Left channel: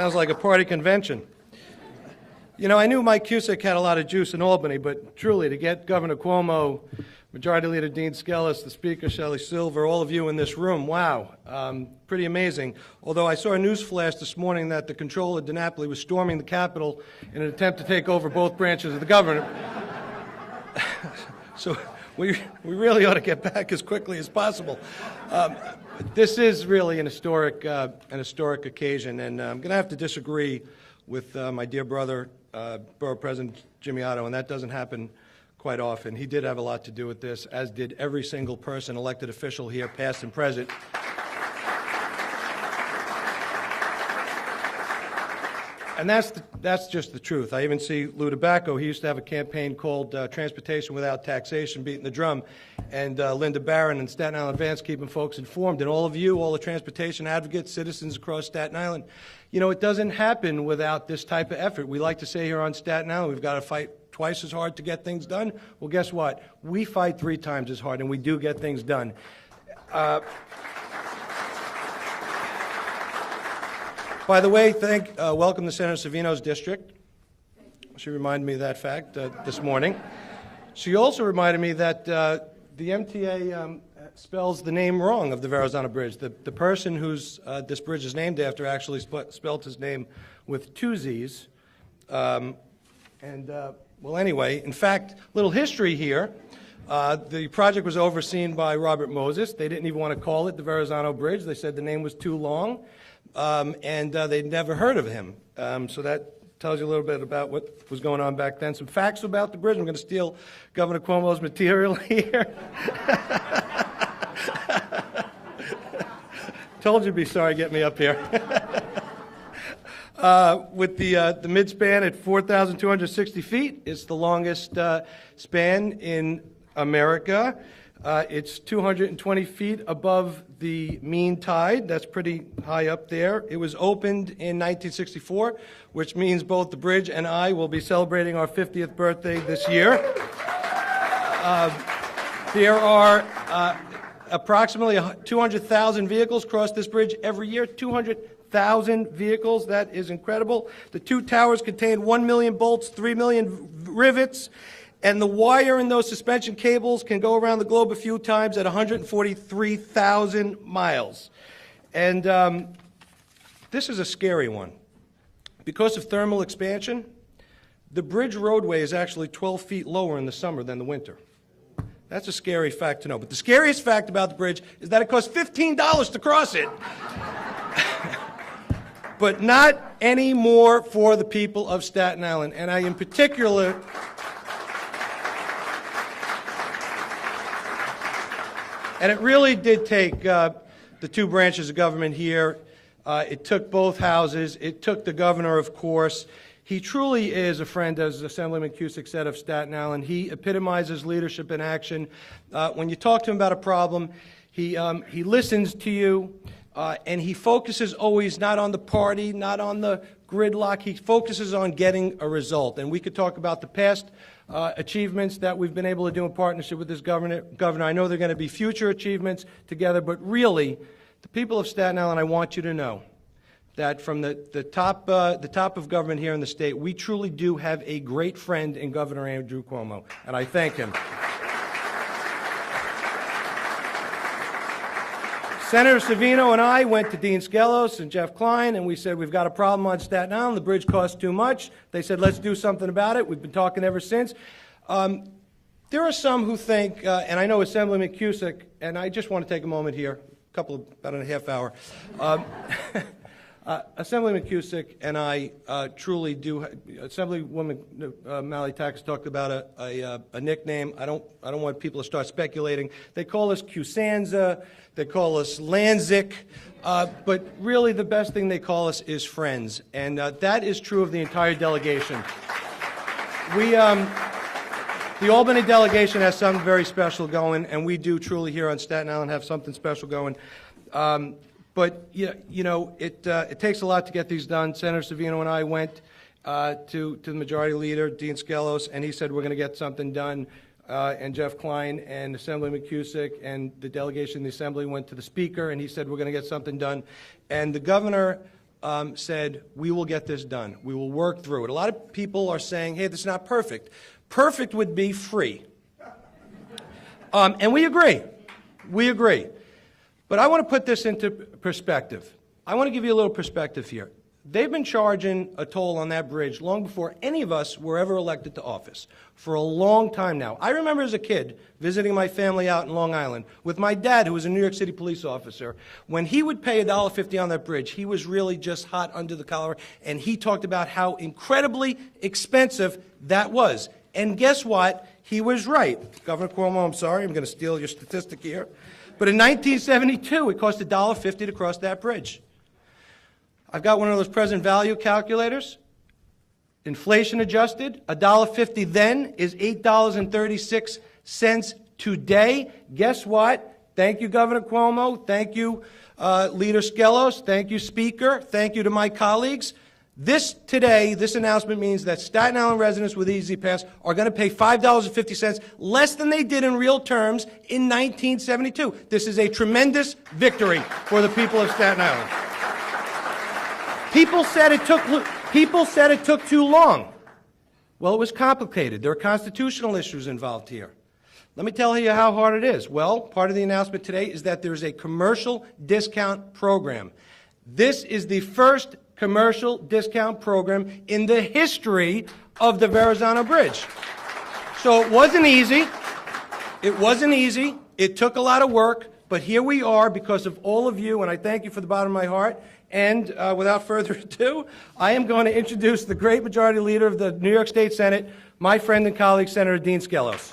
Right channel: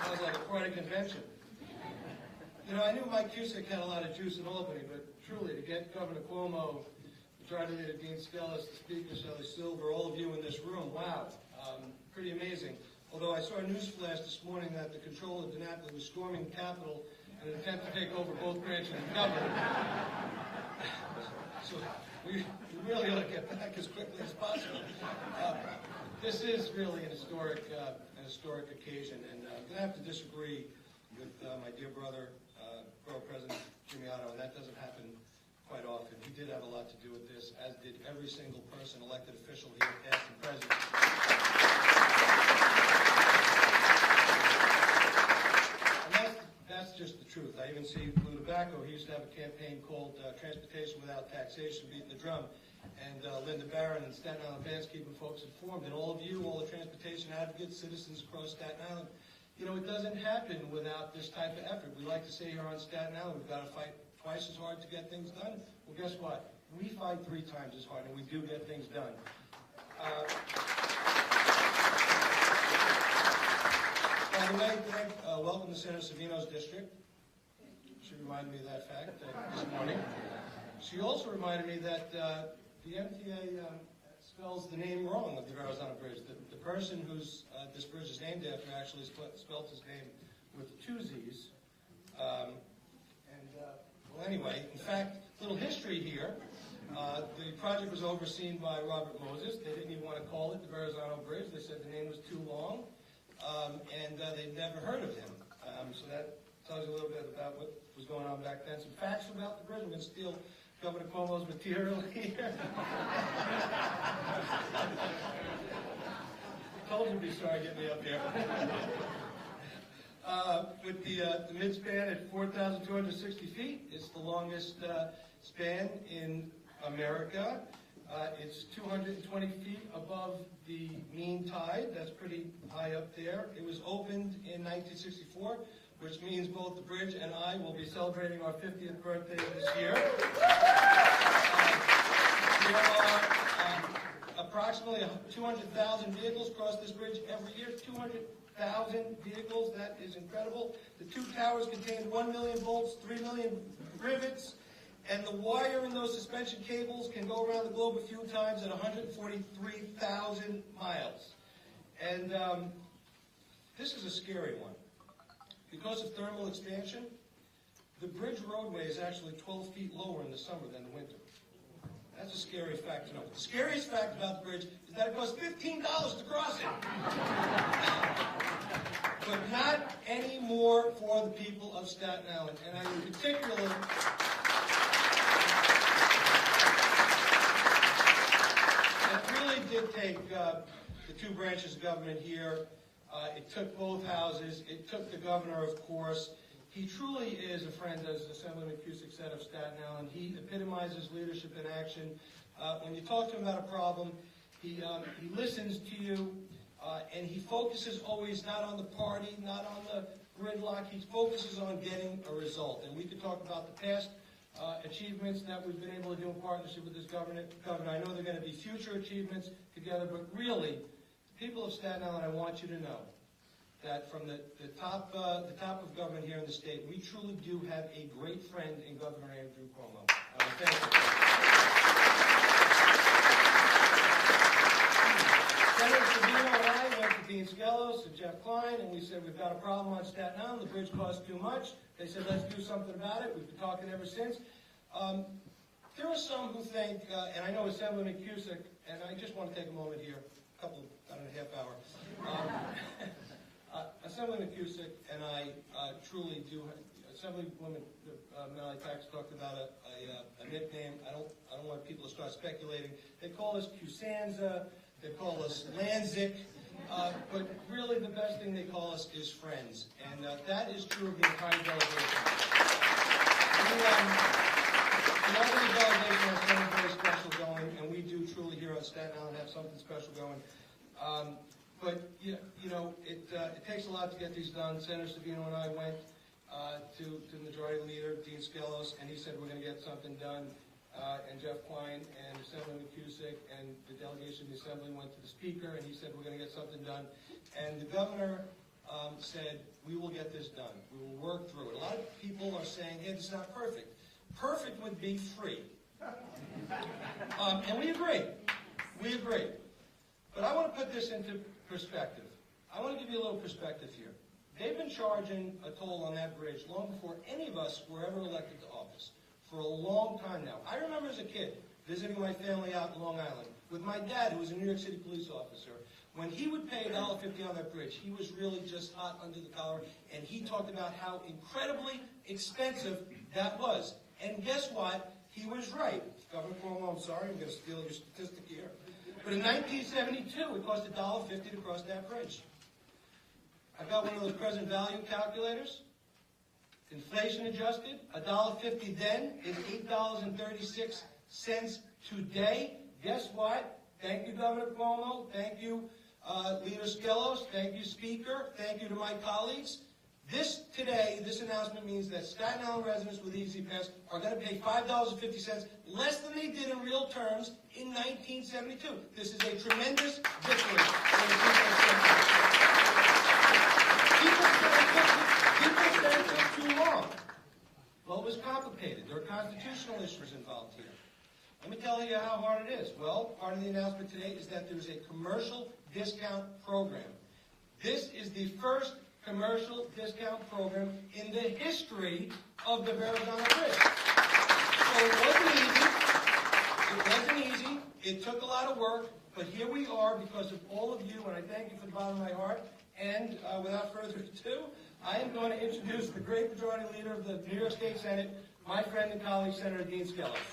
Sounds like a party convention. You know, I knew Mike Cusick had a lot of juice in Albany, but truly to get Governor Cuomo, Majority Leader Dean Skelos, the Speaker Shelley Silver, all of you in this room, wow, pretty amazing. Although I saw a news flash this morning that the Comptroller DiNapoli was storming the Capitol in an attempt to take over both branches of the government. So we really ought to get back as quickly as possible. This is really an historic occasion, and I'm going to have to disagree with my dear brother, Borough President Jimmy Otto, and that doesn't happen quite often. He did have a lot to do with this, as did every single person, elected official here, past and present. And that's just the truth. I even see Lou Tobacco. He used to have a campaign called Transportation Without Taxation, beating the drum. And Linda Barron and Staten Island Advance keeping folks informed. And all of you, all the transportation advocates, citizens across Staten Island, you know, it doesn't happen without this type of effort. We like to say here on Staten Island, we've got to fight twice as hard to get things done. Well, guess what? We fight 3 times as hard, and we do get things done. By the way, welcome to Senator Savino's district. She reminded me of that fact this morning. She also reminded me that the MTA spells the name wrong of the Verrazano Bridge. The person whose this bridge is named after actually spelled his name with 2 Z's. Well, anyway, in fact, little history here. The project was overseen by Robert Moses. They didn't even want to call it the Verrazano Bridge. They said the name was too long. And they'd never heard of him. So that tells you a little bit about what was going on back then. Some facts about the bridge. I'm going to steal Governor Cuomo's material here. Told you to be sorry getting me up here. With the midspan at 4,260 feet, it's the longest span in America. It's 220 feet above the mean tide. That's pretty high up there. It was opened in 1964, which means both the bridge and I will be celebrating our 50th birthday this year. There are approximately 200,000 vehicles cross this bridge every year. 200,000 vehicles. That is incredible. The 2 towers contain 1 million bolts, 3 million rivets. And the wire in those suspension cables can go around the globe a few times at 143,000 miles. And this is a scary one. Because of thermal expansion, the bridge roadway is actually 12 feet lower in the summer than the winter. That's a scary fact to know. But the scariest fact about the bridge is that it costs $15 to cross it. But not any more for the people of Staten Island. And I, in particular, and it really did take the 2 branches of government here. It took both houses. It took the governor, of course. He truly is a friend, as Assemblyman Cusick said, of Staten Island. He epitomizes leadership in action. When you talk to him about a problem, he listens to you, and he focuses always not on the party, not on the gridlock. He focuses on getting a result. And we could talk about the past achievements that we've been able to do in partnership with this governor. I know there are going to be future achievements together, but really, the people of Staten Island, I want you to know that from the top of government here in the state, we truly do have a great friend in Governor Andrew Cuomo, and I thank him. Senator Savino and I went to Dean Skelos and Jeff Klein, and we said, we've got a problem on Staten Island. The bridge costs too much. They said, let's do something about it. We've been talking ever since. There are some who think, and I know Assemblyman Cusick, and I just want to take a moment here, about a half hour. Assemblyman Cusick and I truly do. Assemblywoman Maley-Tax talked about a nickname. I don't want people to start speculating. They call us Cusanza. They call us Lanzik. But really the best thing they call us is friends. And that is true of the entire delegation. The Albany delegation has something very special going, and we do truly here on Staten Island have something special going. But you know, it takes a lot to get these done. Senator Savino and I went to the Majority Leader, Dean Skelos, and he said we're going to get something done. And Jeff Klein and Assemblyman Cusick and the delegation in the Assembly went to the Speaker, and he said we're going to get something done. And the governor said, we will get this done. We will work through it. A lot of people are saying, hey, this is not perfect. Perfect would be free. And we agree. We agree. But I want to put this into perspective. I want to give you a little perspective here. They've been charging a toll on that bridge long before any of us were ever elected to office, for a long time now. I remember as a kid visiting my family out in Long Island with my dad, who was a New York City police officer. When he would pay $1.50 on that bridge, he was really just hot under the collar, and he talked about how incredibly expensive that was. And guess what? He was right. Governor Cuomo, I'm sorry, I'm going to steal your statistic here. But in 1972, it cost $1.50 to cross that bridge. I've got one of those present value calculators. Inflation adjusted, $1.50 then is $8.36 today. Guess what? Thank you, Governor Cuomo. Thank you, Leader Skelos. Thank you, Speaker. Thank you to my colleagues. This announcement means that Staten Island residents with Easy Pass are going to pay $5.50 less than they did in real terms in 1972. This is a tremendous victory for the people of Staten Island. People said it took too long. Well, it was complicated. There are constitutional issues involved here. Let me tell you how hard it is. Well, part of the announcement today is that there's a commercial discount program. This is the first commercial discount program in the history of the Verrazano Bridge. So it wasn't easy. It wasn't easy. It took a lot of work, but here we are because of all of you, and I thank you from the bottom of my heart. And without further ado, I am going to introduce the great majority leader of the New York State Senate, my friend and colleague, Senator Dean Skelos.